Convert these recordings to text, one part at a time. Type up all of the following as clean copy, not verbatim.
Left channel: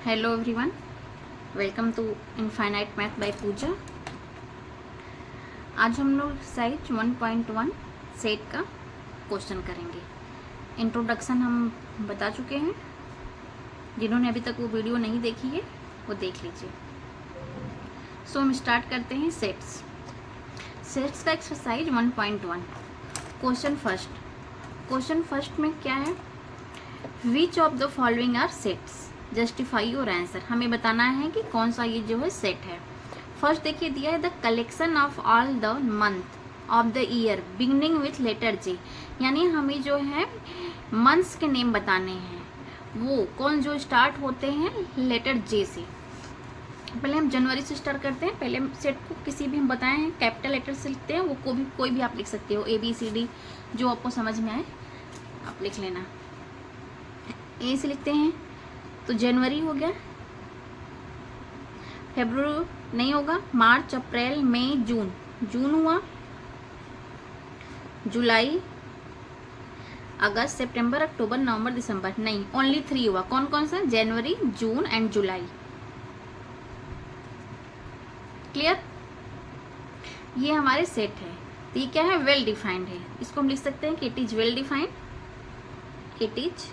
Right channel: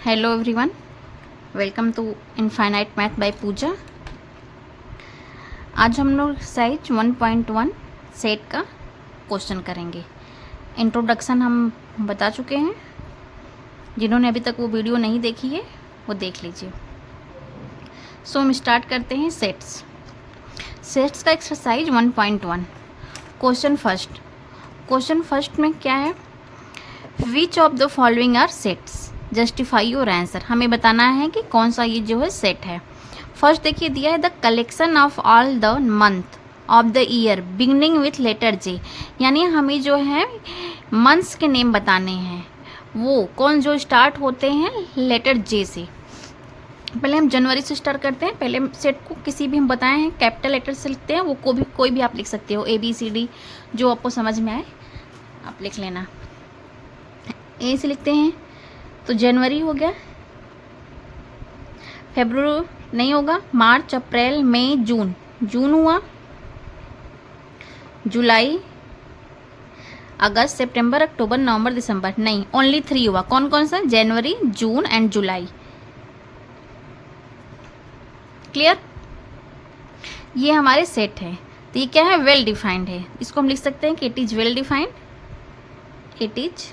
Hello everyone, welcome to Infinite Math by Pooja. आज हम लोग एक्सरसाइज 1.1 सेट का क्वेश्चन करेंगे। इंट्रोडक्शन हम बता चुके हैं, जिन्होंने अभी तक वो वीडियो नहीं देखी है वो देख लीजिए। सो हम स्टार्ट करते हैं सेट्स का एक्सरसाइज 1.1। क्वेश्चन फर्स्ट में क्या है, which of the following are sets, justify your answer. हमें बताना है कि कौन सा ये जो है सेट है। फर्स्ट देखिए दिया है the collection of all the month of the year beginning with letter J, यानी हमें जो है मंथ्स के नेम बताने हैं, वो कौन जो स्टार्ट होते हैं लेटर जे से। पहले हम जनवरी से स्टार्ट करते हैं। पहले सेट को किसी भी हम बताए हैं कैपिटल लेटर से लिखते हैं, वो कोई भी आप लिख सकते हो, ABCD जो आपको समझ में आए आप लिख लेना। ए से लिखते हैं तो जनवरी हो गया, फेब्रुअरी नहीं होगा, मार्च अप्रैल मई जून हुआ, जुलाई अगस्त सितंबर अक्टूबर नवंबर दिसंबर नहीं, ओनली 3 हुआ। कौन कौन सा, जनवरी जून एंड जुलाई। क्लियर, ये हमारे सेट है। तो ये क्या है, वेल डिफाइंड है। इसको हम लिख सकते हैं कि it is well defined, it is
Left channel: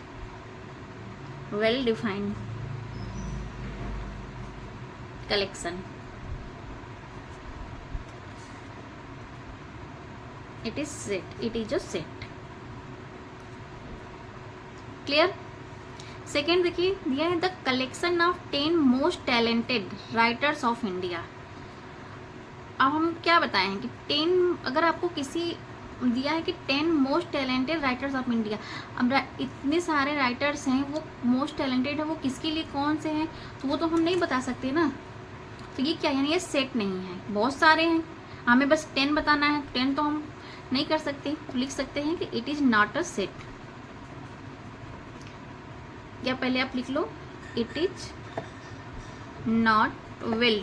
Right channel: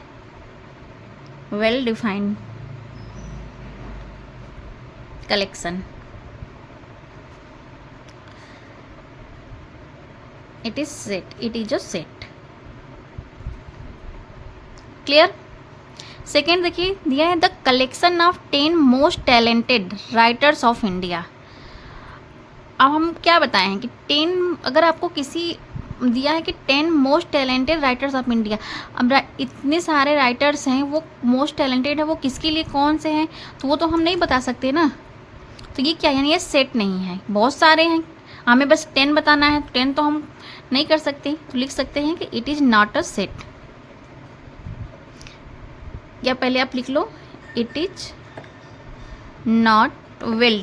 well defined collection, it is a set। Clear. Second देखिए दिया है the collection of 10 most talented writers of India. अब हम क्या बताए हैं कि 10, अगर आपको किसी दिया है कि 10 most talented writers of India, अब इतने सारे राइटर्स हैं, वो मोस्ट टैलेंटेड है, वो किसके लिए कौन से हैं, तो वो तो हम नहीं बता सकते ना। तो ये क्या, यानी ये सेट नहीं है, बहुत सारे हैं, हमें बस 10 बताना है। 10 तो हम नहीं कर सकते, तो लिख सकते हैं कि it is not a set. या पहले आप लिख लो it is not well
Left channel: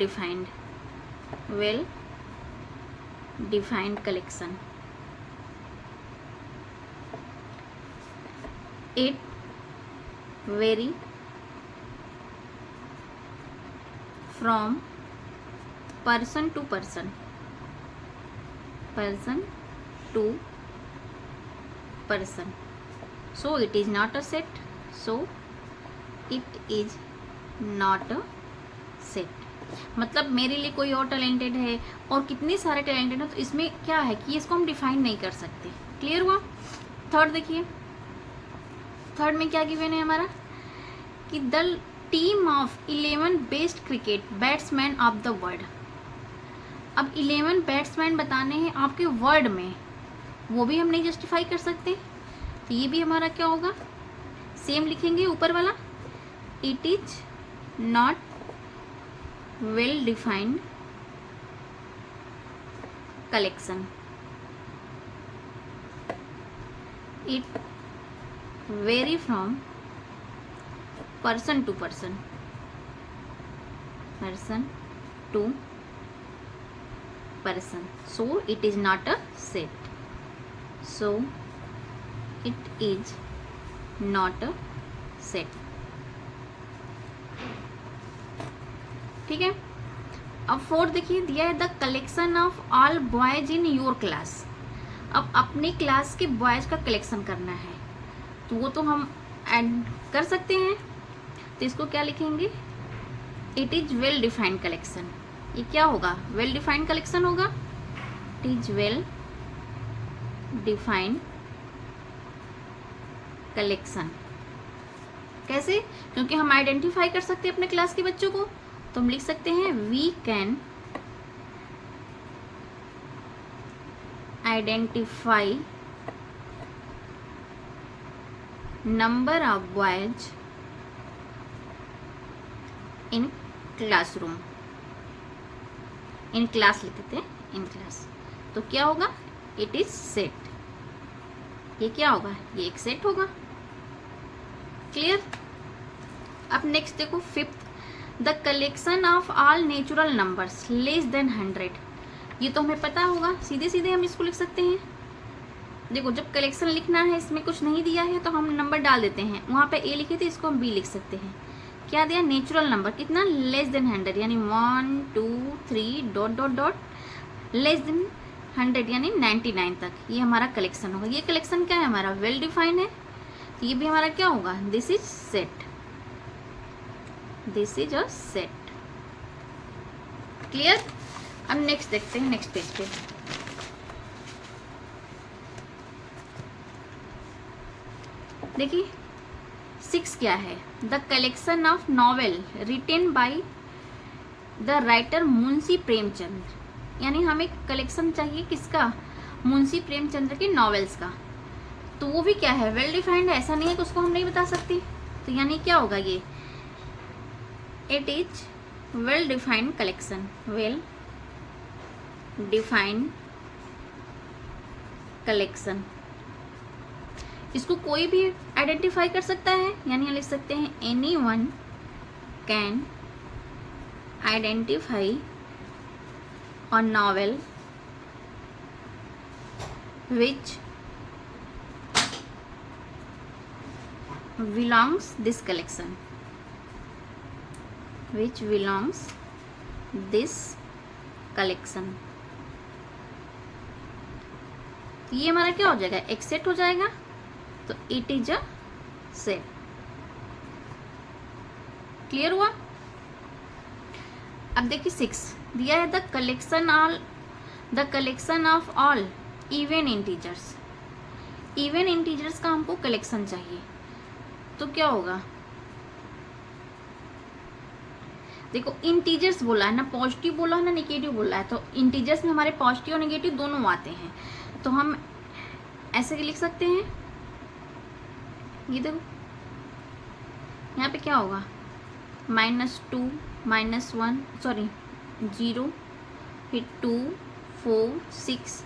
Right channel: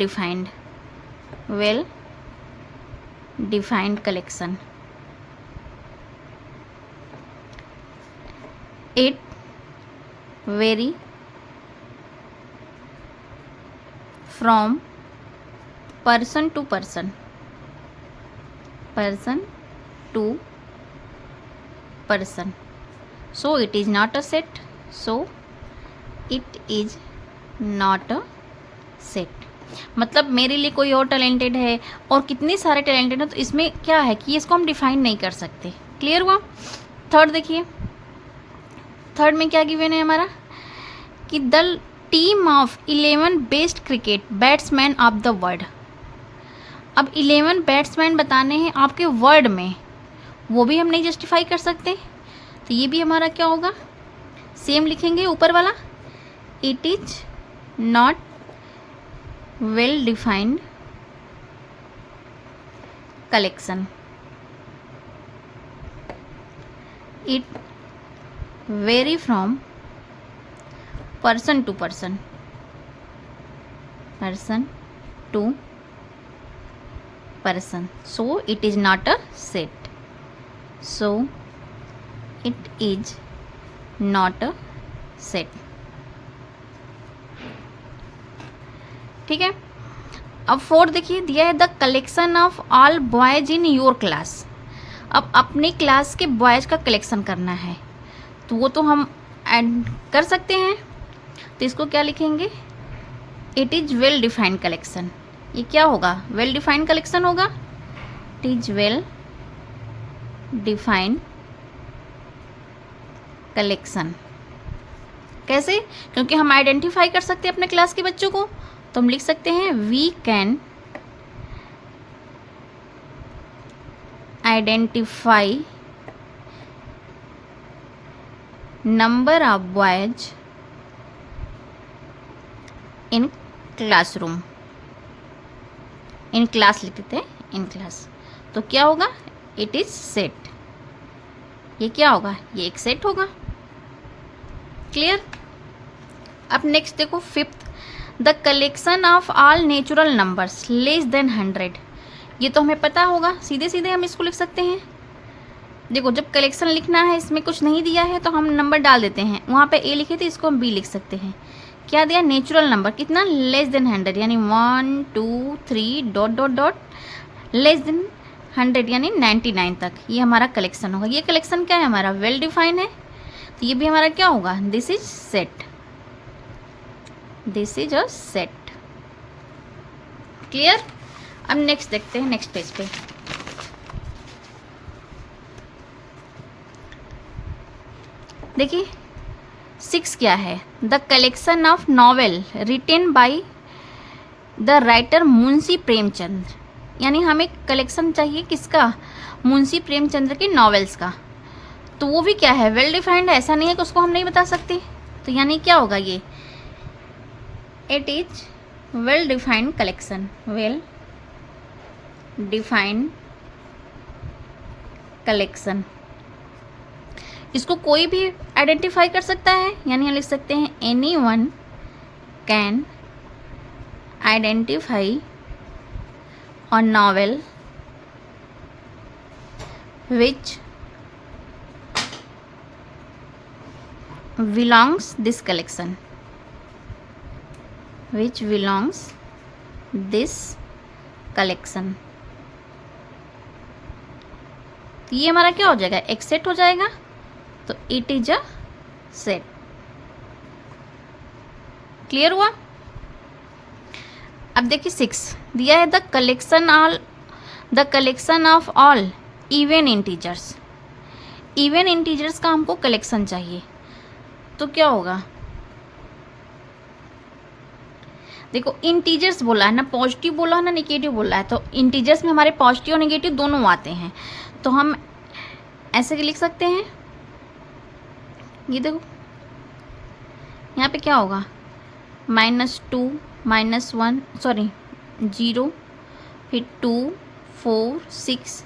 defined collection. It vary from person to person to person, so it is not a set, so it is not a set। मतलब मेरे लिए कोई और टैलेंटेड है और कितने सारे टैलेंटेड हैं, तो इसमें क्या है कि इसको हम डिफाइन नहीं कर सकते। क्लियर हुआ। थर्ड देखिए, थर्ड में क्या गिवन है हमारा कि the team of 11 best cricket batsman of the world. अब 11 बैट्समैन बताने हैं आपके वर्ड में, वो भी हम नहीं जस्टिफाई कर सकते, तो ये भी हमारा क्या होगा, सेम लिखेंगे ऊपर वाला, it is not well defined collection. It vary from person to person so it is not a set, so it is not a set। ठीक है। अब फोर्थ देखिए दिया है the collection of all boys in your class. अब अपने class के boys का कलेक्शन करना है, तो वो तो हम ऐड कर सकते हैं, तो इसको क्या लिखेंगे, it is well defined collection. ये क्या होगा, वेल डिफाइंड कलेक्शन होगा, it is well defined collection. कैसे, क्योंकि हम आइडेंटिफाई कर सकते हैं अपने क्लास के बच्चों को, तो हम लिख सकते हैं we can identify number of boys in classroom. In class लिखते हैं, इन क्लास, तो क्या होगा, इट इज सेट। ये क्या होगा, ये एक सेट होगा। क्लियर। अब नेक्स्ट देखो fifth, the collection of all natural numbers less than 100। ये तो हमें पता होगा, सीधे सीधे हम इसको लिख सकते हैं। देखो जब कलेक्शन लिखना है, इसमें कुछ नहीं दिया है तो हम नंबर डाल देते हैं, वहाँ पे ए लिखे थे इसको हम बी लिख सकते हैं क्या दिया, नेचुरल नंबर कितना, लेस देन 100, यानी 1 2 3 dot dot dot less than 100 यानी 99 तक, ये हमारा कलेक्शन होगा। ये कलेक्शन क्या है हमारा, वेल डिफाइंड है, तो ये भी हमारा क्या होगा, this is set, this is a set. Clear. अब नेक्स्ट देखते हैं, नेक्स्ट पेज पे देखिए 6 क्या है, the collection of novel written by the writer Munshi Premchand, यानी हमें कलेक्शन चाहिए किसका, मुंशी प्रेमचंद्र के नॉवेल्स का। तो वो भी क्या है, वेल डिफाइंड है, ऐसा नहीं है कि उसको हम नहीं बता सकते। तो यानी क्या होगा ये, it is well defined collection, well defined collection. इसको कोई भी आइडेंटिफाई कर सकता है, यानी हम लिख सकते हैं any one can identify a novel which belongs this collection, which belongs this collection। ये हमारा क्या हो जाएगा, एक सेट हो जाएगा, तो it is a set. Clear हुआ। अब देखिए 6 दिया है, the collection of all even integers. Even integers का हमको कलेक्शन चाहिए, तो क्या होगा, देखो इंटीजर्स बोला है ना, पॉजिटिव बोला है ना नेगेटिव बोला है, तो इंटीजर्स में हमारे पॉजिटिव और नेगेटिव दोनों आते हैं, तो हम ऐसे लिख सकते हैं, ये देखो यहाँ पे क्या होगा, -2 -1 सॉरी 0 फिर 2 4 6,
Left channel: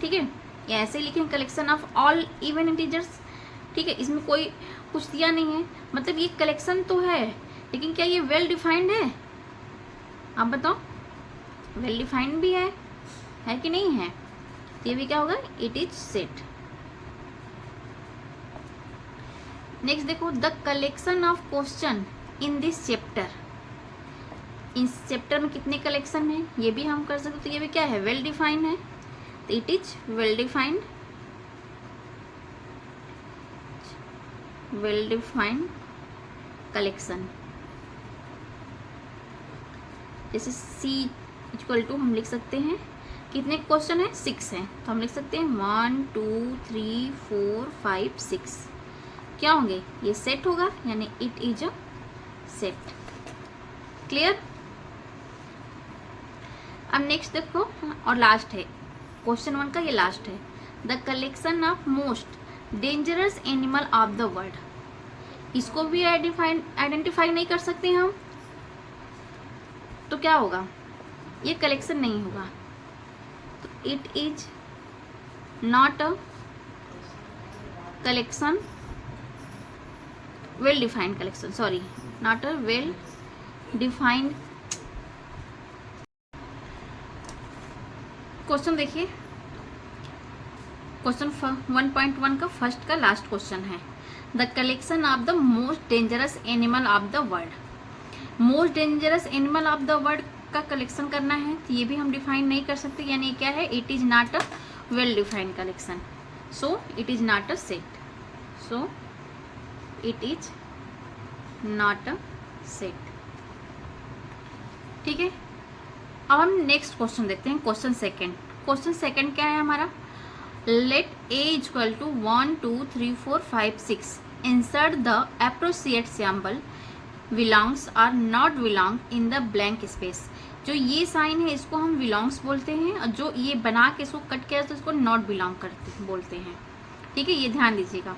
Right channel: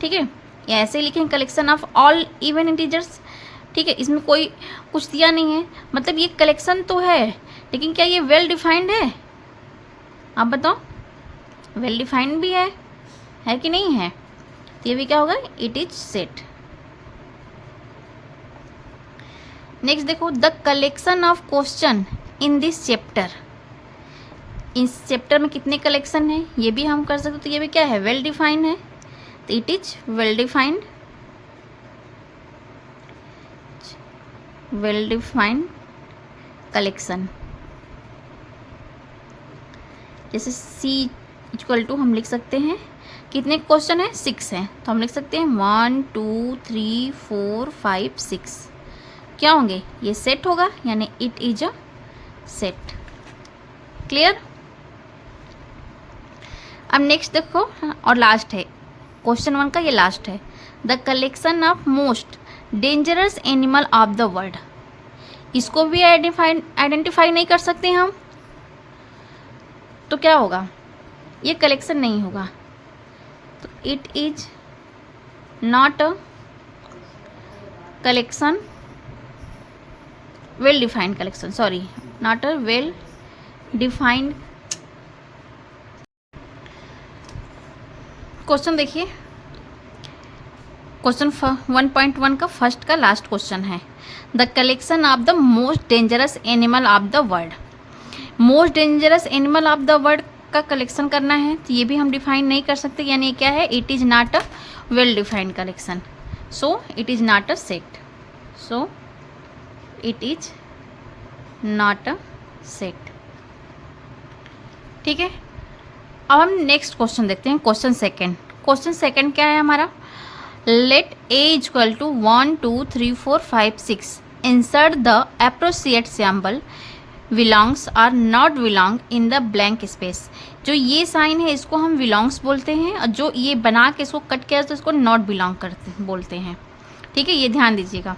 ठीक है, या ऐसे लिखें collection of all even integers. ठीक है, इसमें कोई कुछ दिया नहीं है, मतलब ये कलेक्शन तो है, लेकिन क्या ये वेल डिफाइंड है, आप बताओ, वेल डिफाइंड भी है कि नहीं है, तो ये भी क्या होगा, इट इज सेट। नेक्स्ट देखो, the collection of question in this chapter, इस चैप्टर में कितने कलेक्शन है ये भी हम कर सकते, तो ये भी क्या है, वेल डिफाइंड है, तो it is well defined, well defined collection. जैसे C इक्वल टू हम लिख सकते हैं, कितने क्वेश्चन है, 6 हैं, तो हम लिख सकते हैं 1 2 3 4 5 6, क्या होंगे, ये सेट होगा, यानी it is a set. Clear. अब नेक्स्ट देखो, और लास्ट है क्वेश्चन 1 का, ये लास्ट है, the collection of most dangerous animal of the world. इसको भी आइडेंटिफाई नहीं कर सकते हम, तो क्या होगा, ये कलेक्शन नहीं होगा, तो it is not a collection, well defined collection, sorry not a well defined. Question देखिए, क्वेश्चन 1.1 का फर्स्ट का लास्ट क्वेश्चन है, the collection of the most dangerous animal of the world. Most dangerous animal of the world का collection करना है, तो ये भी हम डिफाइन नहीं कर सकते, यानी क्या है, it is not a well defined collection, so it is not a set, so it is not a set. ठीक है, अब हम नेक्स्ट क्वेश्चन देखते हैं, क्वेश्चन सेकंड। क्वेश्चन सेकंड क्या है हमारा, let A equal to 1 2 3 4 5 6 insert the appropriate symbol belongs और not belong in the blank space. जो ये साइन है इसको हम बिलोंग्स बोलते हैं, और जो ये बना के इसको कट किया तो इसको नॉट बिलोंग करते बोलते हैं। ठीक है, ये ध्यान दीजिएगा।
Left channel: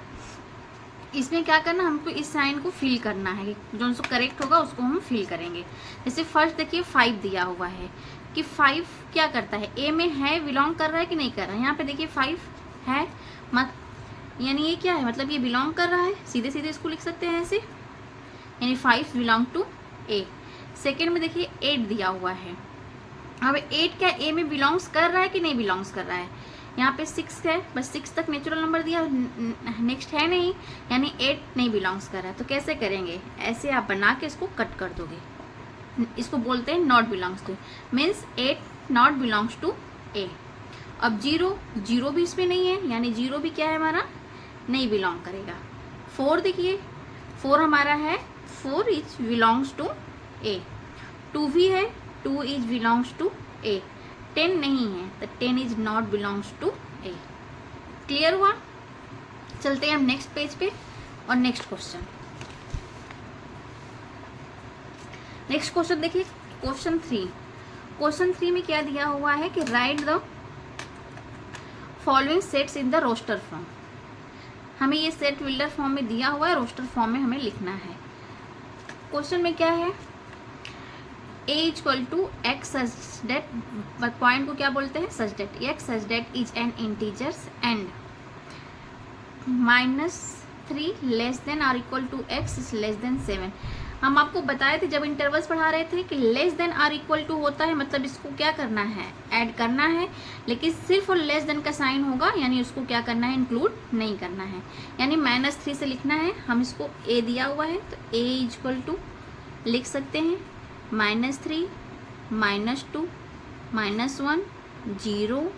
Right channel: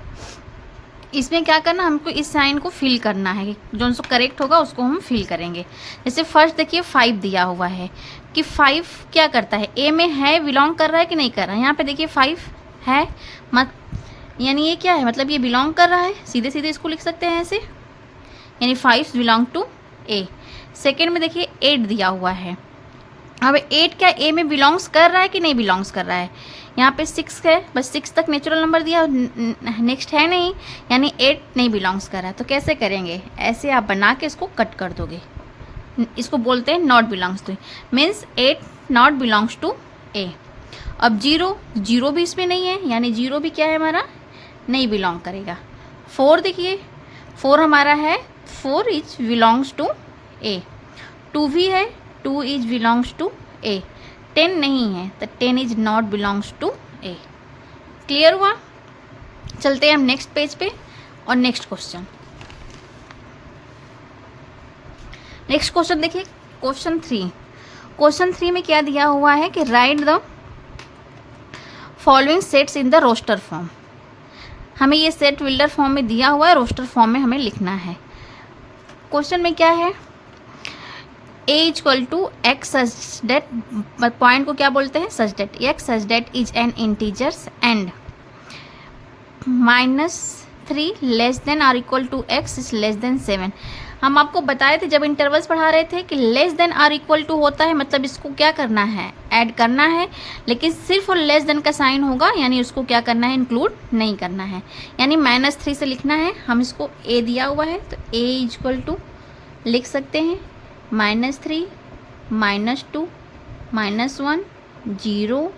इसमें क्या करना, हमको इस साइन को फिल करना है, जो उनको करेक्ट होगा उसको हम फिल करेंगे। जैसे फर्स्ट देखिए 5 दिया हुआ है, कि 5 क्या करता है, ए में है, बिलोंग कर रहा है कि नहीं कर रहा है। यहाँ पे देखिए 5 है, मत यानी ये क्या है, मतलब ये बिलोंग कर रहा है, सीधे सीधे इसको लिख सकते हैं ऐसे, यानी 5 बिलोंग टू ए। सेकेंड में देखिए 8 दिया हुआ है, अब 8 क्या ए में बिलोंग्स कर रहा है कि नहीं बिलोंग्स कर रहा है, यहाँ पे 6 है, बस 6 तक नेचुरल नंबर दिया, नेक्स्ट है नहीं, यानी 8 नहीं बिलोंग्स कर रहा है। तो कैसे करेंगे, ऐसे आप बना के इसको कट कर दोगे, इसको बोलते हैं not belongs to, means 8 not belongs to A. अब 0 भी इसमें नहीं है, यानी 0 भी क्या है हमारा, नहीं बिलोंग करेगा। 4 देखिए, 4 हमारा है, 4 इज बिलोंग्स टू ए। 2 भी है, 2 इज बिलोंग्स टू ए। 10 नहीं है, तो 10 is not belongs to A. Clear हुआ? चलते हैं हम नेक्स्ट पेज पे और नेक्स्ट क्वेश्चन। नेक्स्ट क्वेश्चन देखिए, क्वेश्चन 3। क्वेश्चन 3 में क्या दिया हुआ है कि write the following sets in the roster form. हमें ये सेट बिल्डर फॉर्म में दिया हुआ है, रोस्टर फॉर्म में हमें लिखना है। क्वेश्चन में क्या है, a equal to x such that, point को क्या बोलते हैं, such that, x such that is an integers and -3 less than or equal to x is less than 7। हम आपको बताए थे जब इंटरवल्स पढ़ा रहे थे कि less than or equal to होता है, मतलब इसको क्या करना है, ऐड करना है, लेकिन सिर्फ और लेस देन का साइन होगा, यानी उसको क्या करना है, इंक्लूड नहीं करना है, यानी -3 से लिखना है। हम इसको a दिया हुआ है, तो a इक्वल टू लिख सकते हैं -3 -2 -1 0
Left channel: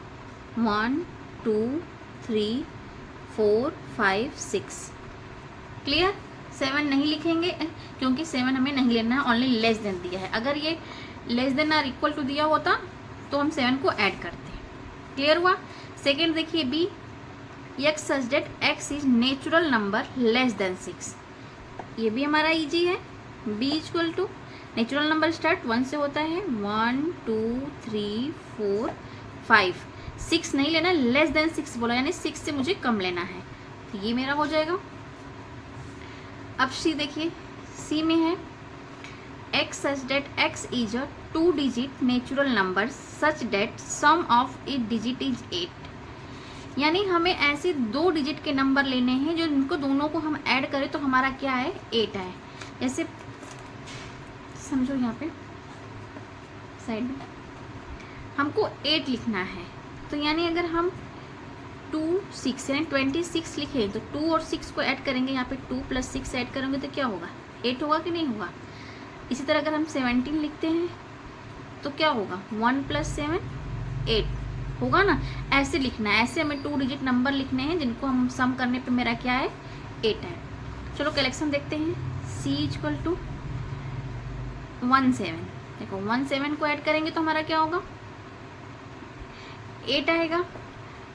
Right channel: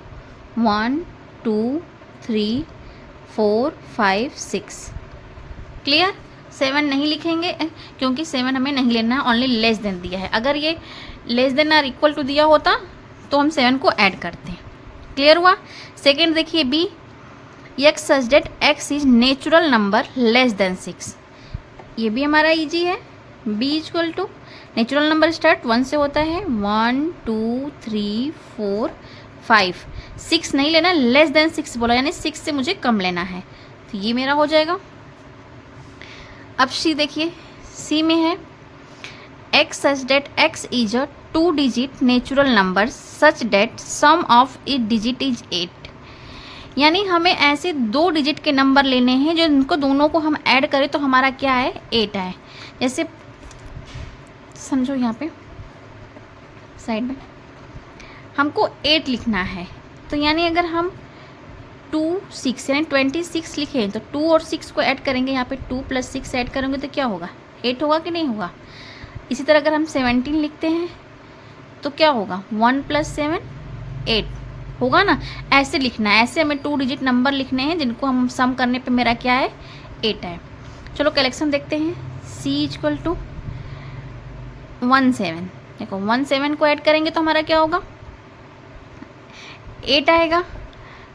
1 2 3 4 5 6। क्लियर? 7 नहीं लिखेंगे क्योंकि 7 हमें नहीं लेना है, ओनली लेस देन दिया है। अगर ये less than or equal to दिया होता तो हम 7 को ऐड करते हैं। क्लियर हुआ? सेकेंड देखिए B, x such that x is natural number less than 6। ये भी हमारा इजी है। B equal to natural number start 1 से होता है, 1 2 3 4 5 6 नहीं लेना, लेस देन 6 बोला, यानी 6 से मुझे कम लेना है, तो ये मेरा हो जाएगा। अब सी देखिए, सी में है x such that x is a 2 digit natural number such that sum of it digit is 8। यानी हमें ऐसे 2 डिजिट के नंबर लेने हैं जो इनको दोनों को हम ऐड करें तो हमारा क्या है, 8 है। जैसे समझो यहाँ पे साइड में हमको 8 लिखना है, तो यानी अगर हम 2 6 यानी 26 लिखें तो 2 और 6 को ऐड करेंगे, यहाँ पे 2 + 6 ऐड करेंगे तो क्या होगा, 8 होगा कि नहीं होगा। इसी तरह अगर हम 17 लिखते हैं तो क्या होगा, 1 + 7 8 होगा ना। ऐसे लिखना है, ऐसे हमें 2 डिजिट नंबर लिखने हैं जिनको हम सम करने पे मेरा क्या है, 8 है। चलो कलेक्शन देखते हैं। सी इक्वल टू 1 7, देखो 1 7 को ऐड करेंगे तो हमारा क्या होगा, 8 आएगा।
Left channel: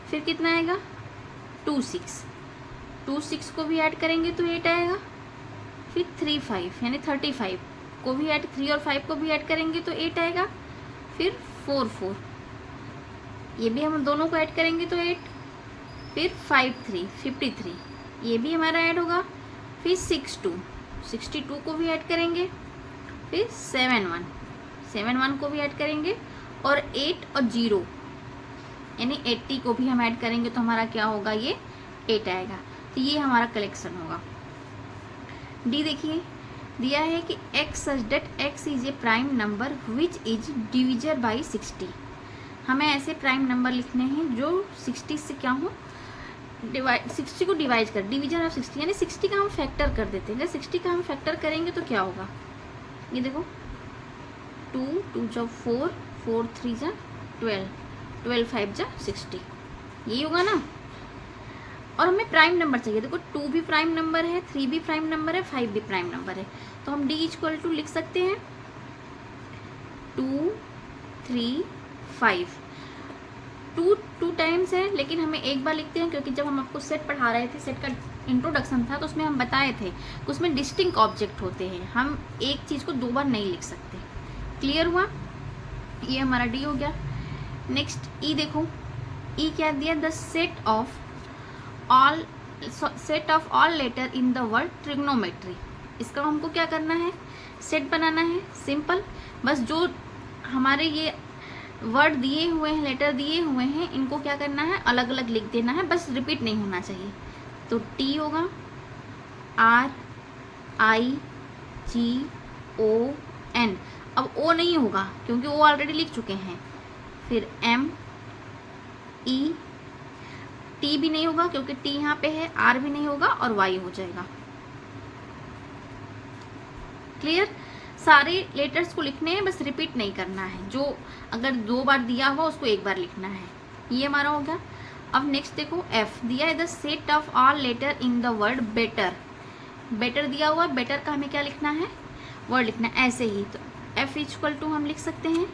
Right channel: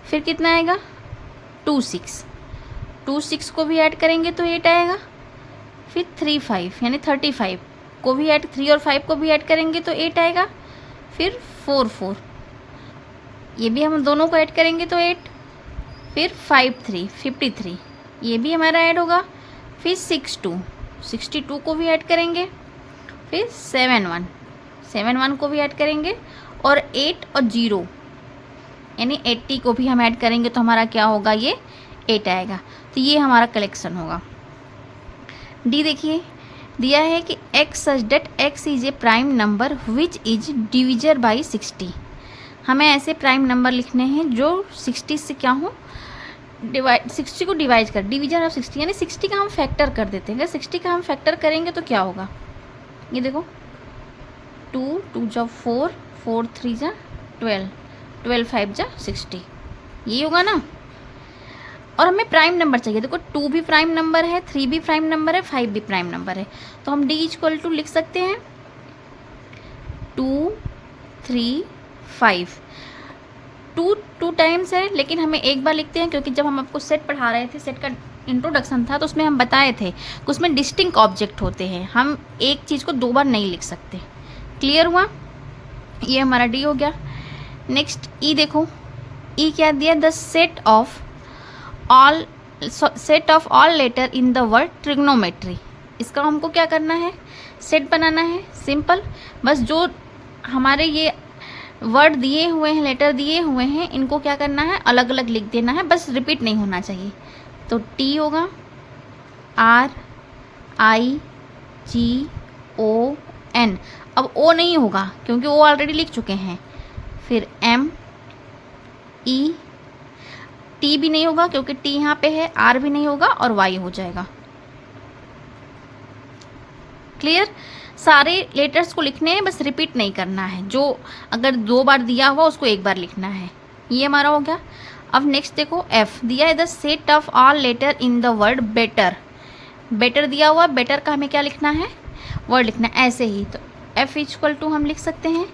फिर कितना आएगा, 2 6 को भी ऐड करेंगे तो 8 आएगा। फिर 3 5 यानी 35 को भी ऐड, 3 और 5 को भी ऐड करेंगे तो 8 आएगा। फिर 4 4, ये भी हम दोनों को ऐड करेंगे तो 8। फिर 5 3 53, ये भी हमारा ऐड होगा। फिर 6 2 62 को भी ऐड करेंगे। फिर 7 1 को भी ऐड करेंगे, और 8 और 0 यानी 80 को भी हम ऐड करेंगे तो हमारा क्या होगा, ये 8 आएगा। तो ये हमारा कलेक्शन होगा। डी देखिए, दिया है कि x such that x is a prime number which is divisor by 60। हमें ऐसे प्राइम नंबर लिखने हैं जो 60 से क्या हो, डिवाइड, 60 को डिवाइड कर, डिवीजन ऑफ 60 यानी 60 का हम फैक्टर कर देते हैं। अगर 60 का हम फैक्टर करेंगे तो क्या होगा, ये देखो 2 2 जा 4 4 3 जा 12 12 5 जा 60, ये होगा ना। और हमें प्राइम नंबर चाहिए, देखो 2 भी प्राइम नंबर है, 3 भी प्राइम नंबर है, 5 भी प्राइम नंबर है, तो हम डी इक्वल टू लिख सकते हैं 2 3 5। 2 टाइम्स है, लेकिन हमें एक बार लिखते हैं क्योंकि जब हम आपको सेट पढ़ा रहे थे, सेट का इंट्रोडक्शन था, तो उसमें हम बताए थे कि उसमें डिस्टिंक्ट ऑब्जेक्ट होते हैं, हम एक चीज़ को 2 बार नहीं लिख सकते। क्लियर हुआ? ये हमारा डी हो गया। नेक्स्ट ई देखो, ई क्या दिया, the set of all letter in the word trigonometry. इसका हमको क्या करना है, सेट बनाना है। सिंपल, बस जो हमारे ये वर्ड दिए हुए हैं, लेटर दिए हुए हैं, इनको क्या करना है, अलग अलग लिख देना है, बस रिपीट नहीं होना चाहिए। तो टी होगा RIGON, अब ओ नहीं होगा क्योंकि ओ ऑलरेडी लिख चुके हैं। फिर ME टी भी नहीं होगा क्योंकि टी यहाँ पे है, आर भी नहीं होगा और वाई हो जाएगा। क्लियर? सारे लेटर्स को लिखने हैं, बस रिपीट नहीं करना है। जो अगर 2 बार दिया हुआ उसको 1 बार लिखना है। ये हमारा हो गया। अब नेक्स्ट देखो, एफ दिया है the set of all letter in the word better. Better दिया हुआ, बेटर का हमें क्या लिखना है, वर्ड लिखना है। ऐसे ही तो एफ इक्वल टू हम लिख सकते हैं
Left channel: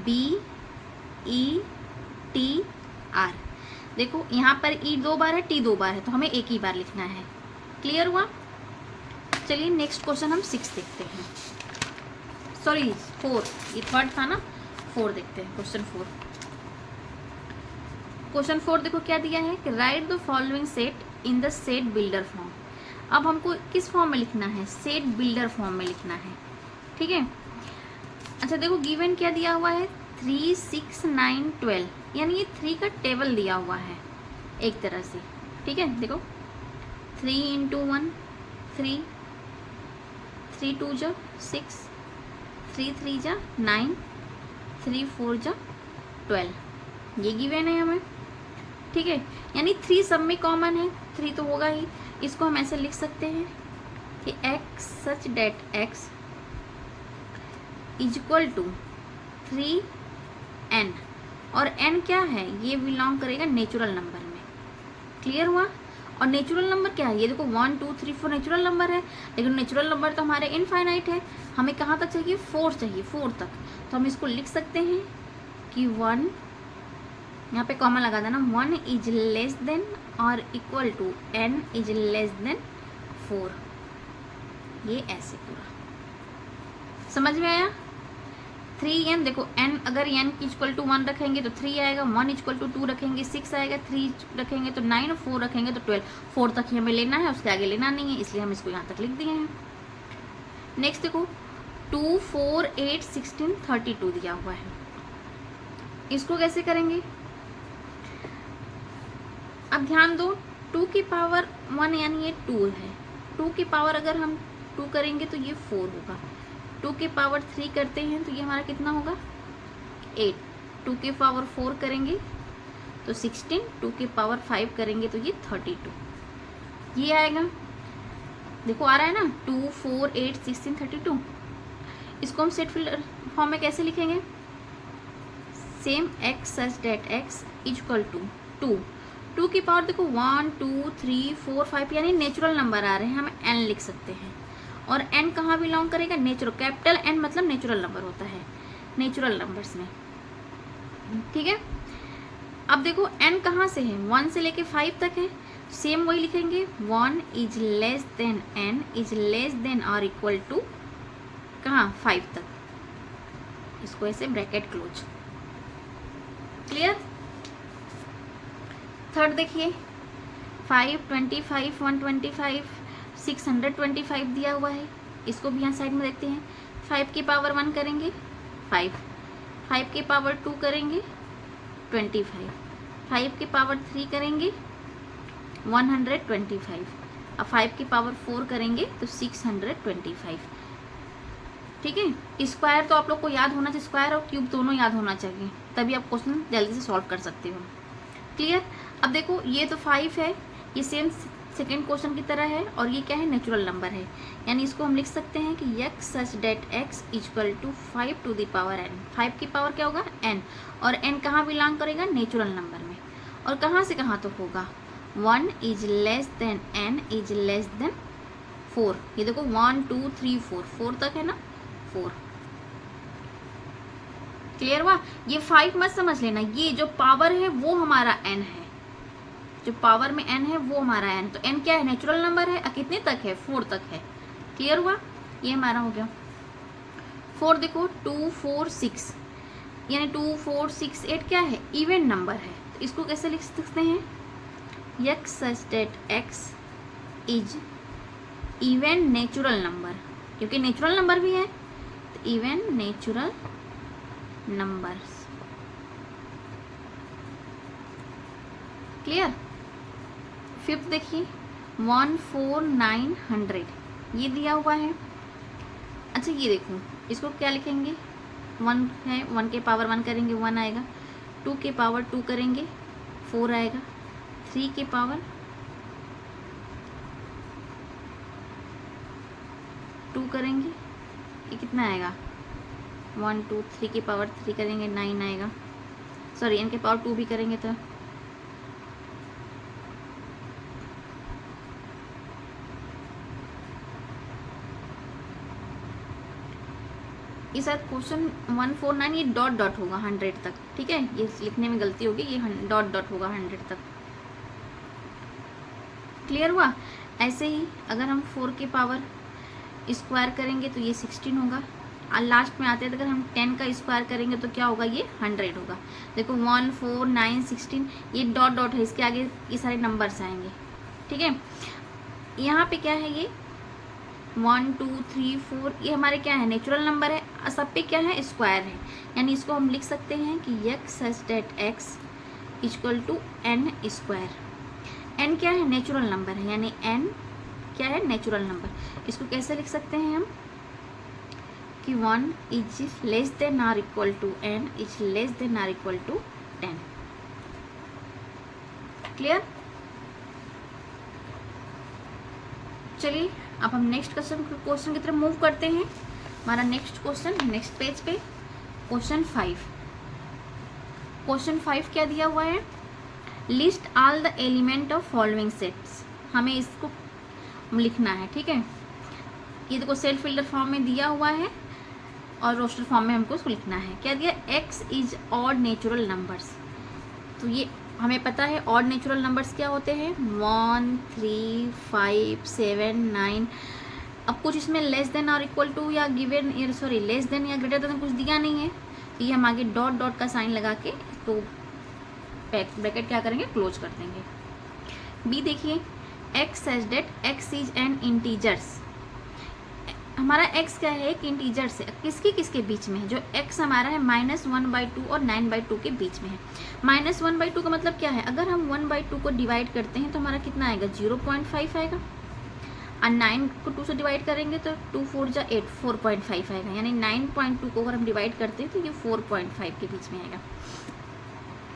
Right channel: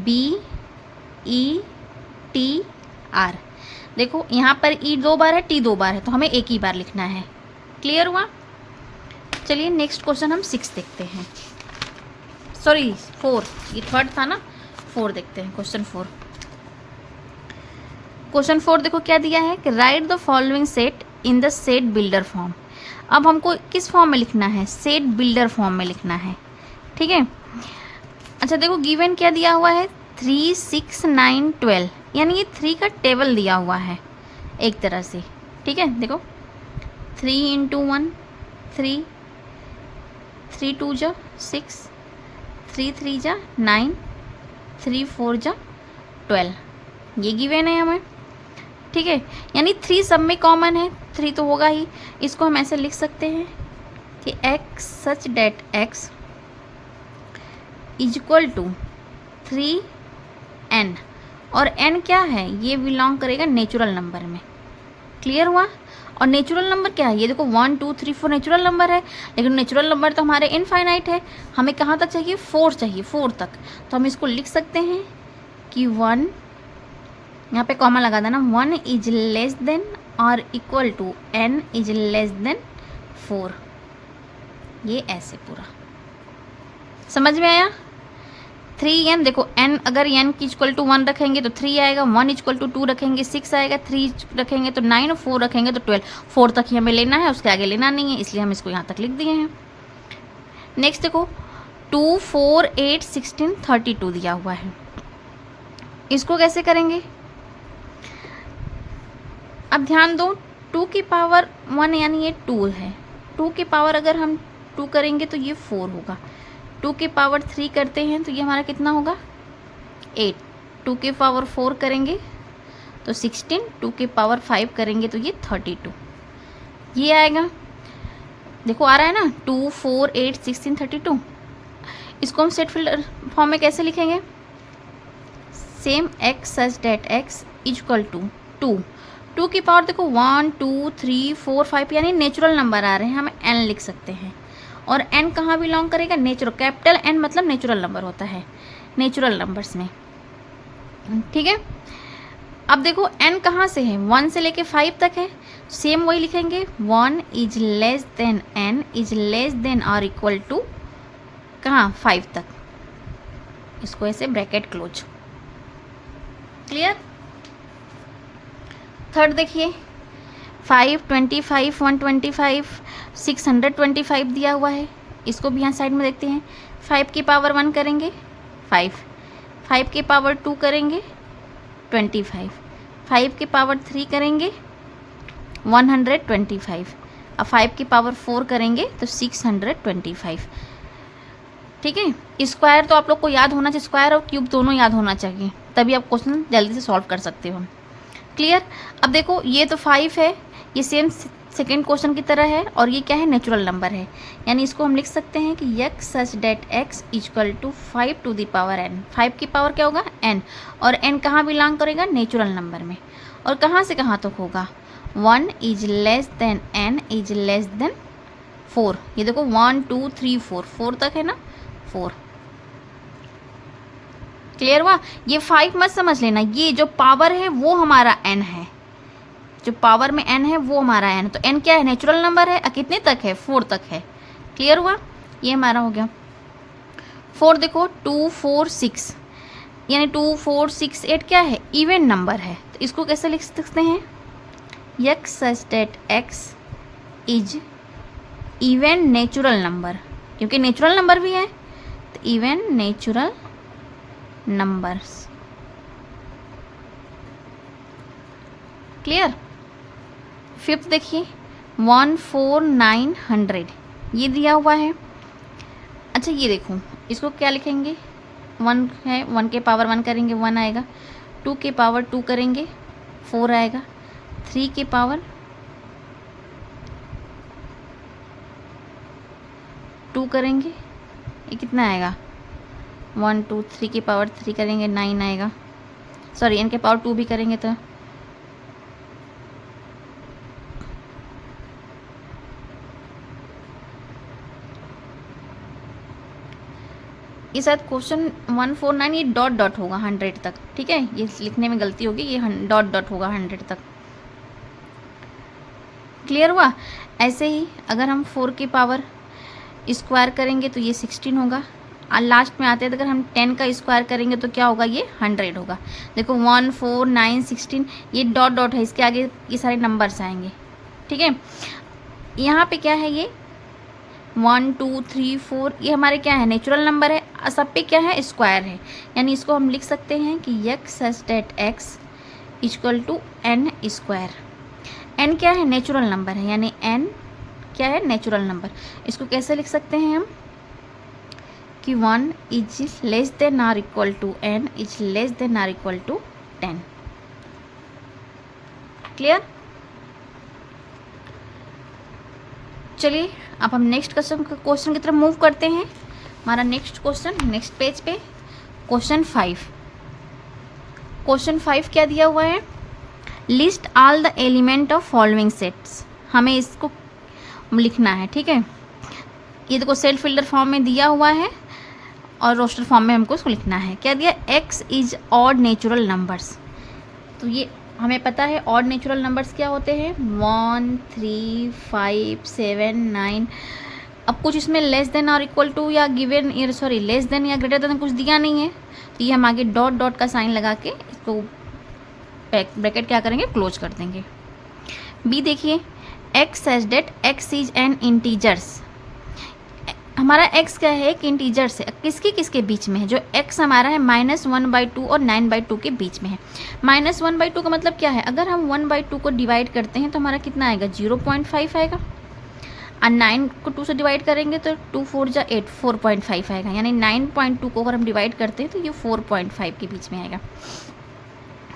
BETR। देखो यहाँ पर ई 2 बार है, टी 2 बार है, तो हमें एक ही बार लिखना है। क्लियर हुआ? चलिए नेक्स्ट क्वेश्चन हम 6 देखते हैं, सॉरी 4, ये थर्ड था ना, 4 देखते हैं। क्वेश्चन 4 देखो क्या दिया है कि write the following set in the set builder form. अब हमको किस फॉर्म में लिखना है, सेट बिल्डर फॉर्म में लिखना है। ठीक है, अच्छा देखो गिवन क्या दिया हुआ है, 3 6 9 12, यानी ये 3 का टेबल दिया हुआ है एक तरह से। ठीक है, देखो 3 × 1 3, 3 2 जा 6, 3 3 जा 9, 3 4 जा 12, ये गिवन है हमें। ठीक है, यानी 3 सब में कॉमन है, 3 तो होगा ही। इसको हम ऐसे लिख सकते हैं कि x such that x is equal to 3n, और n क्या है, ये बिलोंग करेगा नेचुरल नंबर में। क्लियर हुआ? और नेचुरल नंबर क्या है, ये देखो 1 2 3 4 नेचुरल नंबर है, लेकिन नेचुरल नंबर तो हमारे इनफाइनाइट है। हमें कहाँ तक चाहिए, 4 चाहिए, 4 तक। तो हम इसको लिख सकते हैं कि 1, यहाँ पे कॉमा लगा देना, 1 इज लेस देन और equal to n is less than 4। ये ऐसे पूरा समझ में आया? 3n, देखो n अगर n की इक्वल टू 1 रखेंगे तो 3 आएगा, 1 इक्वल टू 2 रखेंगे 6 आएगा, 3 रखेंगे तो 9, 4 रखेंगे तो 12। 4 तक ही हमें लेना है, उसके आगे लेना नहीं है, इसलिए हम इसको यहाँ तक लिख दिए हैं। नेक्स्ट देखो 2 4 8 16 32 दिया हुआ है, इसको कैसे करेंगे? अब ध्यान दो, 2 की पावर 1 यानी ये 2 है, 2 की पावर अगर हम 2 करेंगे तो ये 4 होगा, 2 की पावर 3 करते हैं तो ये हमारा कितना होगा, 8, 2 की पावर 4 करेंगे तो 16, 2 की पावर 5 करेंगे तो ये 32, ये आएगा। देखो आ रहा है ना, 2 4 8 16 32। इसको हम सेट फिल्टर फॉर्म में कैसे लिखेंगे, same x such that x is equal to 2, 2 की पावर देखो 1 2 3 4 5, यानी नेचुरल नंबर आ रहे हैं, हम n लिख सकते हैं। और n कहाँ बिलोंग करेगा, नेचुरल, कैपिटल N मतलब नेचुरल नंबर होता है नेचुरल नंबर्स में। ठीक है, अब देखो n कहाँ से है, 1 से लेके 5 तक है, सेम वही लिखेंगे, 1 is less then n is less than और इक्वल टू कहाँ, 5 तक। इसको ऐसे ब्रैकेट क्लोज। क्लियर? थर्ड देखिए 5 25 125 625 दिया हुआ है, इसको भी यहाँ साइड में देखते हैं। 5 की पावर 1 करेंगे 5, 5 की पावर 2 करेंगे 25, 5 की पावर 3 करेंगे 125, अब 5 की पावर 4 करेंगे तो 625। ठीक है, स्क्वायर तो आप लोग को याद होना चाहिए, स्क्वायर और क्यूब दोनों याद होना चाहिए, तभी आप क्वेश्चन जल्दी से सॉल्व कर सकते हो। क्लियर? अब देखो ये तो 5 है, ये सेम सेकेंड क्वेश्चन की तरह है, और ये क्या है, नेचुरल नंबर है, यानी इसको हम लिख सकते हैं कि x such that x equal to 5 to the power n। 5 की पावर क्या होगा, n, और n कहाँ बिलोंग करेगा, नेचुरल नंबर में। और कहाँ से कहाँ तक होगा, 1 is less then n is less than 4। ये देखो 1 2 3 4, 4 तक है ना, 4। क्लियर हुआ? ये 5 मत समझ लेना, ये जो पावर है वो हमारा n है, जो पावर में n है वो हमारा n, तो n क्या है, नेचुरल नंबर है, कितने तक है, 4 तक है। क्लियर हुआ? ये हमारा हो गया 4। देखो 2 4 6, यानी 2 4 6 8 क्या है, इवन नंबर है, तो इसको कैसे लिख सकते हैं, x such that x is even natural number, क्योंकि नेचुरल नंबर भी है, तो even natural numbers. Clear? Fifth देखिए 1 4 9 100, ये दिया हुआ है। अच्छा ये देखो, इसको क्या लिखेंगे, 1 है, 1 के पावर 1 करेंगे 1 आएगा, 2 के पावर 2 करेंगे 4 आएगा, 3 की पावर 2 करेंगे, ये कितना आएगा, 1 2 3 की पावर 3 करेंगे 9 आएगा, सॉरी n की पावर 2 भी करेंगे तो ये शायद क्वेश्चन 149 ये डॉट डॉट होगा 100 तक, ठीक है, ये लिखने में गलती होगी, ये डॉट डॉट होगा 100 तक। क्लियर हुआ। ऐसे ही अगर हम 4 की पावर स्क्वायर करेंगे तो ये 16 होगा, और लास्ट में आते हैं तो अगर हम 10 का स्क्वायर करेंगे तो क्या होगा, ये 100 होगा। देखो 1 4 9 16 ये डॉट डॉट है, इसके आगे ये सारे नंबर्स आएंगे, ठीक है। यहाँ पे क्या है, ये 1 2 3 4 ये हमारे क्या है, नेचुरल नंबर है, सब पे क्या है, स्क्वायर है, यानी इसको हम लिख सकते हैं कि x such that x equal to n square. n क्या है, नेचुरल नंबर है, यानी n क्या है, नेचुरल नंबर। इसको कैसे लिख सकते हैं हम कि 1 is less than or equal to n is less than or equal to 10। Clear. चलिए अब हम नेक्स्ट क्वेश्चन की तरफ मूव करते हैं। हमारा नेक्स्ट क्वेश्चन नेक्स्ट पेज पे क्वेश्चन 5। क्वेश्चन 5 क्या दिया हुआ है, list all the element of following sets. हमें इसको लिखना है, ठीक है। ये देखो सेट फिल्टर फॉर्म में दिया हुआ है और रोस्टर फॉर्म में हमको इसको लिखना है। क्या दिया, x is odd natural numbers. तो ये हमें पता है ऑड नेचुरल नंबर्स क्या होते हैं, 1 3 5 7 9। अब कुछ इसमें लेस देन और इक्वल टू या गिवन सॉरी लेस देन या ग्रेटर देन कुछ दिया नहीं है, तो ये हम आगे डॉट डॉट का साइन लगा के इसको ब्रैकेट क्या करेंगे, क्लोज कर देंगे। बी देखिए, x such that x is an integers. हमारा x क्या है, एक इंटीजर्स है, किसके किसके बीच में है, जो x हमारा है -1/2 और 9/2 के बीच में है। -1/2 का मतलब क्या है, अगर हम 1/2 को डिवाइड करते हैं तो हमारा कितना आएगा, 0.5 आएगा, और 9 को 2 से डिवाइड करेंगे तो 2 4 जा 8 4.5 आएगा, यानी 9.2 को अगर हम डिवाइड करते हैं तो ये 4.5 के बीच में आएगा,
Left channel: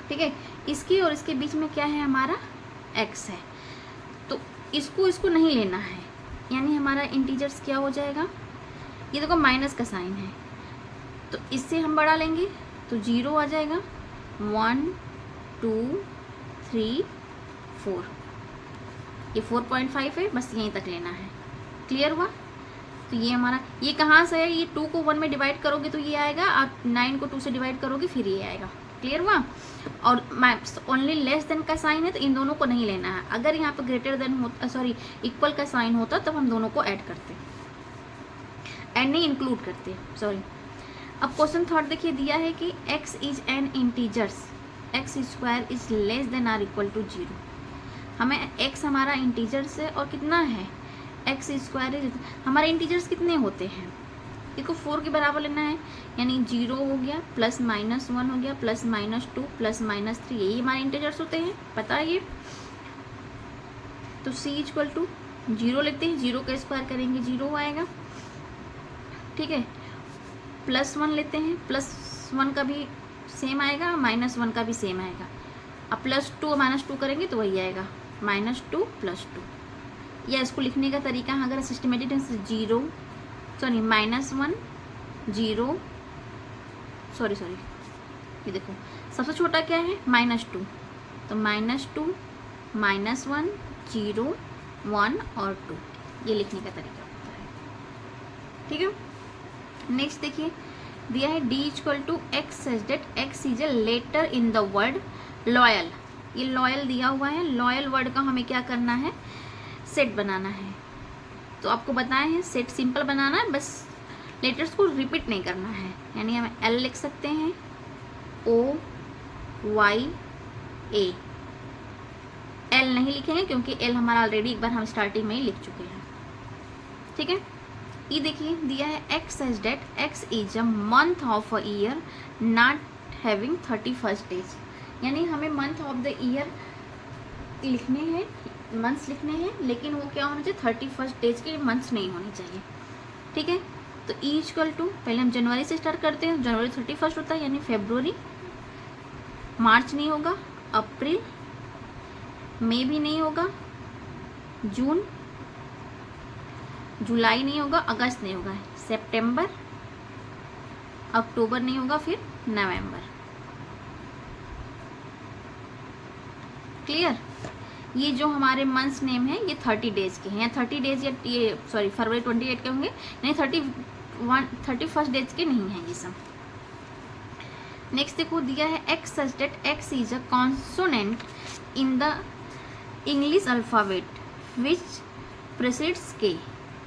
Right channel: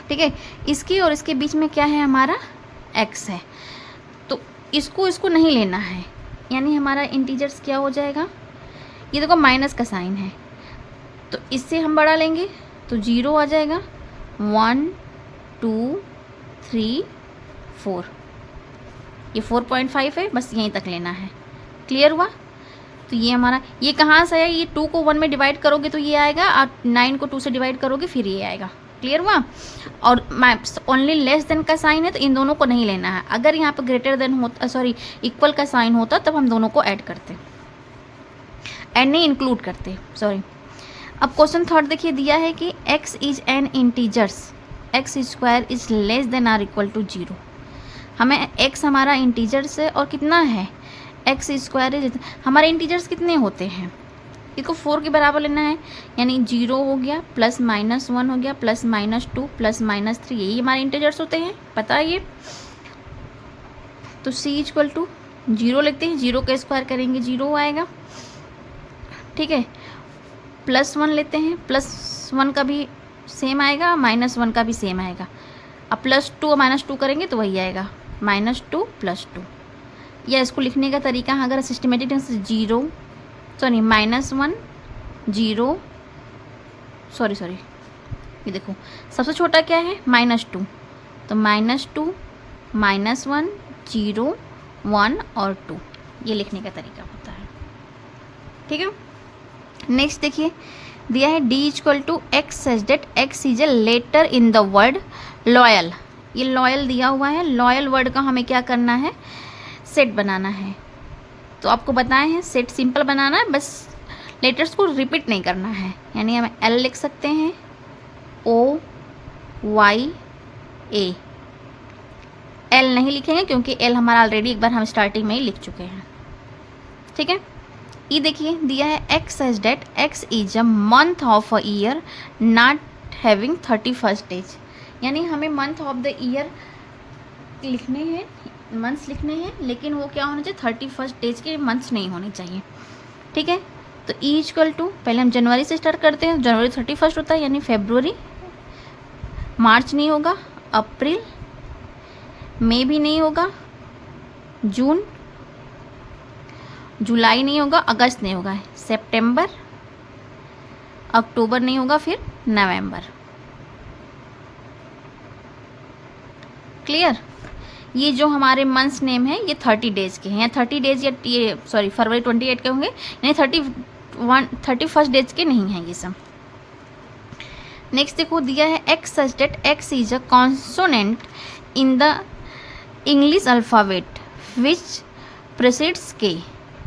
ठीक है। इसके और इसके बीच में क्या है, हमारा x है, तो इसको नहीं लेना है, यानी हमारा इंटीजर्स क्या हो जाएगा, ये देखो माइनस का साइन है, तो इससे हम बड़ा लेंगे तो 0 आ जाएगा, 1 2 3 4, ये 4.5 है, बस यहीं तक लेना है। क्लियर हुआ। तो ये हमारा, ये कहाँ से आया, ये 2 को 1 में डिवाइड करोगे तो ये आएगा, और 9 को 2 से डिवाइड करोगे फिर ये आएगा। क्लियर हुआ। और ओनली लेस देन का साइन है तो इन दोनों को नहीं लेना है। अगर यहाँ पर ग्रेटर देन होता, सॉरी इक्वल का साइन होता, तब हम दोनों को ऐड करते, ऐड नहीं इंक्लूड करते, सॉरी। अब क्वेश्चन थर्ड देखिए, दिया है कि x is an integers, x square is less than or equal to 0। हमें x हमारा इंटीजर्स है और कितना है, x स्क्वायर इज, हमारे इंटीजर्स कितने होते हैं, इसको 4 के बराबर लेना है, यानी 0 हो गया, +-1 हो गया, +-2 +-3, यही हमारे इंटीजर्स होते हैं, पता है ये। तो c इक्वल टू 0 लेते हैं, 0 का स्क्वायर करेंगे 0 आएगा, ठीक है। +1 लेते हैं, +1 का भी सेम आएगा, -1 का भी सेम आएगा। अब +2 और -2 करेंगे तो वही आएगा, -2 +2। या इसको लिखने का तरीका अगर सिस्टमेटिक ढंग से, 0 सॉरी -1 0 सॉरी ये देखो सबसे छोटा क्या है, -2, तो -2 -1 0 1 और 2, ये लिखने का तरीका होता है, ठीक है। नेक्स्ट देखिए, दिया है d equal to x such that x is a letter in the word loyal. ये लॉयल दिया हुआ है, लॉयल वर्ड का हमें क्या करना है, सेट बनाना है। तो आपको बताए हैं सेट सिंपल बनाना है, बस लेटर्स को रिपीट नहीं करना है, यानी हम L लिख सकते हैं, O Y A। L नहीं लिखेंगे क्योंकि L हमारा ऑलरेडी एक बार हम स्टार्टिंग में ही लिख चुके हैं, ठीक है। ये देखिए, दिया है x such that x is a month of a year not having 31st days, यानी हमें मंथ ऑफ द ईयर लिखने हैं, मंथ्स लिखने हैं, लेकिन वो क्या होना चाहिए, 31st डेज के मंथ्स नहीं होने चाहिए, ठीक है। तो ई इक्वल टू, पहले हम जनवरी से स्टार्ट करते हैं, जनवरी 31st होता है, यानी फेब्रुवरी, मार्च नहीं होगा, अप्रैल, मई भी नहीं होगा, जून, जुलाई नहीं होगा, अगस्त नहीं होगा, सितंबर, अक्टूबर नहीं होगा, फिर नवंबर। क्लियर? ये जो हमारे मंथ्स नेम है ये 30 डेज के हैं, या 30 डेज या ये सॉरी फरवरी 28 के होंगे, नहीं 31 डेज के नहीं हैं ये सब। नेक्स्ट देखो दिया है x such that x is a consonant in the English alphabet which precedes K,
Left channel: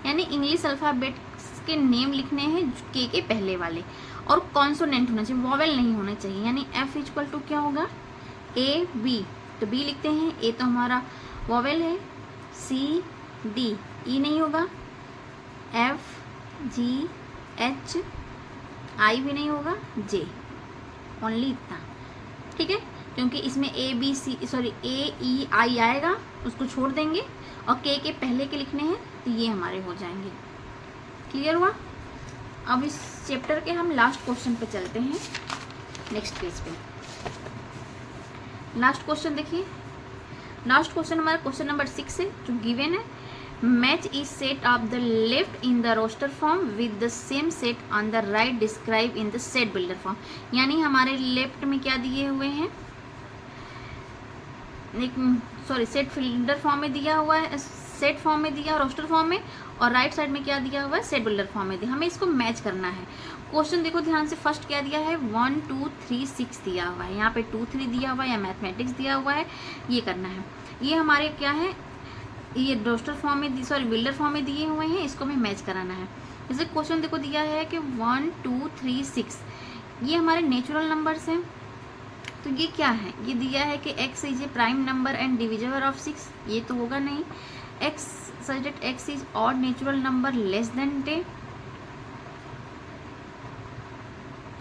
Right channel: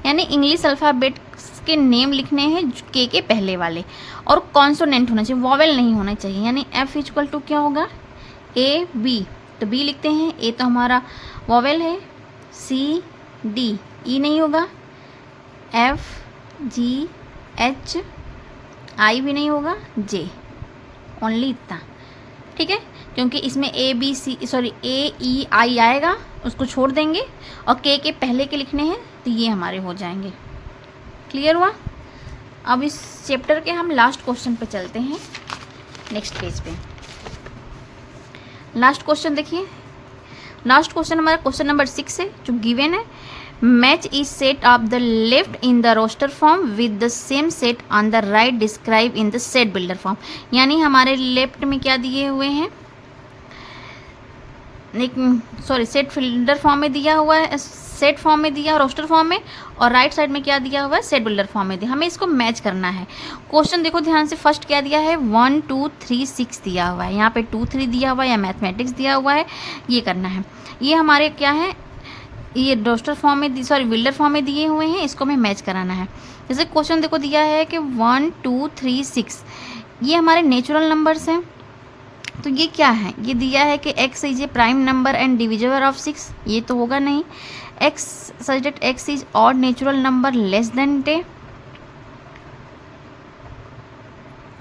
यानी इंग्लिश अल्फ़ाबेट के नेम लिखने हैं के पहले वाले, और कॉन्सोनेंट होना चाहिए, वॉवेल नहीं होना चाहिए। यानी एफ इक्वल टू क्या होगा, ए बी, तो बी लिखते हैं, ए तो हमारा वॉवेल है, सी डी, ई नहीं होगा, एफ जी एच आई भी नहीं होगा, जे, ओनली इतना। ठीक है, क्योंकि इसमें ए बी सी सॉरी ए ई आई आएगा, उसको छोड़ देंगे, और के पहले के लिखने हैं तो ये हमारे हो जाएंगे। क्लियर हुआ? अब इस चैप्टर के हम लास्ट क्वेश्चन पे चलते हैं, नेक्स्ट पेज पे। लास्ट क्वेश्चन देखिए, लास्ट क्वेश्चन हमारा क्वेश्चन नंबर 6 है, जो गिवन है। Match is set of the left in the roster form with the same set on the right describe in the set builder form. यानी हमारे left में क्या दिए हुए हैं, सॉरी सेट बिल्डर फॉर्म में दिया हुआ है, सेट फॉर्म में दिया, रोस्टर फॉर्म में, और राइट साइड में क्या दिया हुआ है, सेट बिल्डर फॉर्म में दिया। हमें इसको मैच करना है। क्वेश्चन देखो ध्यान से, फर्स्ट क्या दिया है, 1 2 3 6 दिया हुआ है, यहाँ पे 2 3 दिया हुआ है, या मैथमेटिक्स दिया हुआ है, ये करना है। ये हमारे क्या है, ये रोस्टर फॉर्म में सॉरी बिल्डर फॉर्म में दिए हुए हैं, इसको हमें मैच कराना है। जैसे क्वेश्चन देखो दिया है कि 1 2 3 6, ये हमारे नेचुरल नंबर्स हैं, तो ये क्या है, ये दिया है कि x is a prime number and divisible of 6, ये तो होगा नहीं। x such that x is odd natural number less then 10,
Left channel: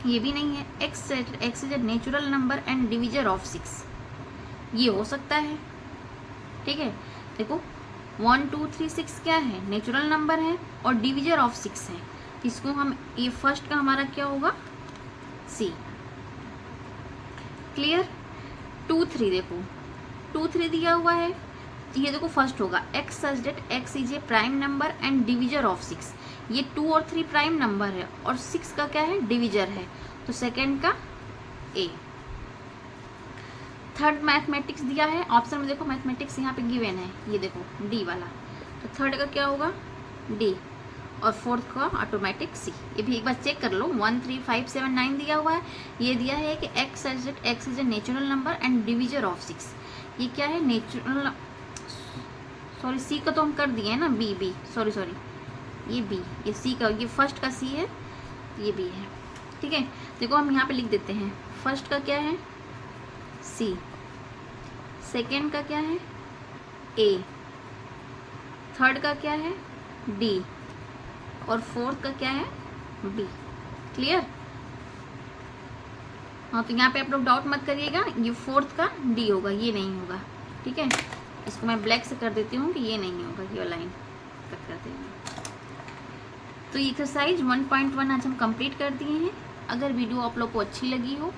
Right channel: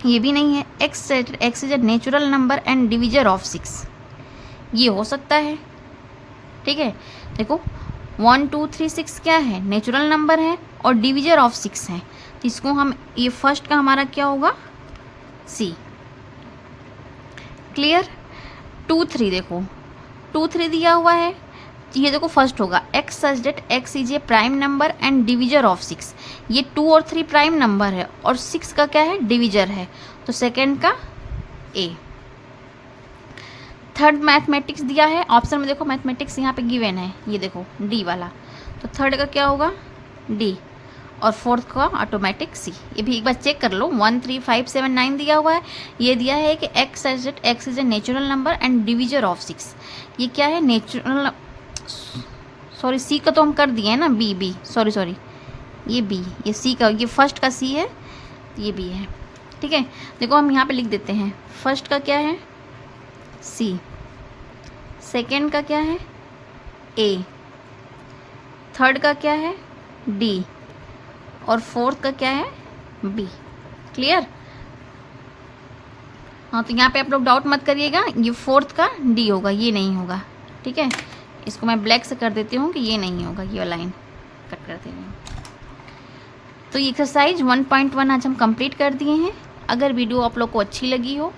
ये भी नहीं है। x is a natural number and divisor of 6, ये हो सकता है। ठीक है, देखो 1 2 3 6 क्या है, नेचुरल नंबर है और डिविजर ऑफ 6 है, तो इसको हम, ये फर्स्ट का हमारा क्या होगा, सी। क्लियर? 2 3 देखो, 2 3 दिया हुआ है, ये देखो फर्स्ट होगा x such that x is a prime number and divisor of 6, ये 2 और 3 प्राइम नंबर है और 6 का क्या है, डिविजर है, तो सेकेंड का ए। थर्ड मैथमेटिक्स दिया है, ऑप्शन में देखो मैथमेटिक्स यहाँ पे गिवन है, ये देखो डी वाला, तो थर्ड का क्या होगा, डी, और फोर्थ का ऑटोमेटिक सी। ये भी एक बार चेक कर लो, 1 3 5 7 9 दिया हुआ है, ये दिया है कि x is a natural number and divisor of 6, ये क्या है, नेचुरल, सॉरी सी का तो हम कर दिए हैं ना, बी सॉरी ये बी, ये सी का, ये फर्स्ट का सी है, ये बी है। ठीक है, देखो हम यहाँ पे लिख देते हैं, फर्स्ट का क्या है, सी, सेकेंड का क्या है, ए, थर्ड का क्या है, डी, और फोर्थ का क्या है, बी। क्लियर? हाँ, तो यहाँ पे आप लोग डाउट मत करिएगा, ये फोर्थ का डी होगा, ये नहीं होगा। ठीक है, इसको मैं ब्लैक से कर देती हूँ कि ये नहीं होगा, ये वाला लाइन कट कर देंगे। तो ये एक्सरसाइज 1.1 आज हम कंप्लीट कर दिए हैं। अगर वीडियो आप लोग को अच्छी लगी हो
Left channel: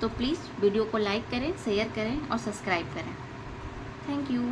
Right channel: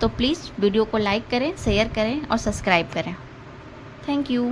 तो प्लीज़ वीडियो को लाइक करें, शेयर करें और सब्सक्राइब करें। Thank you.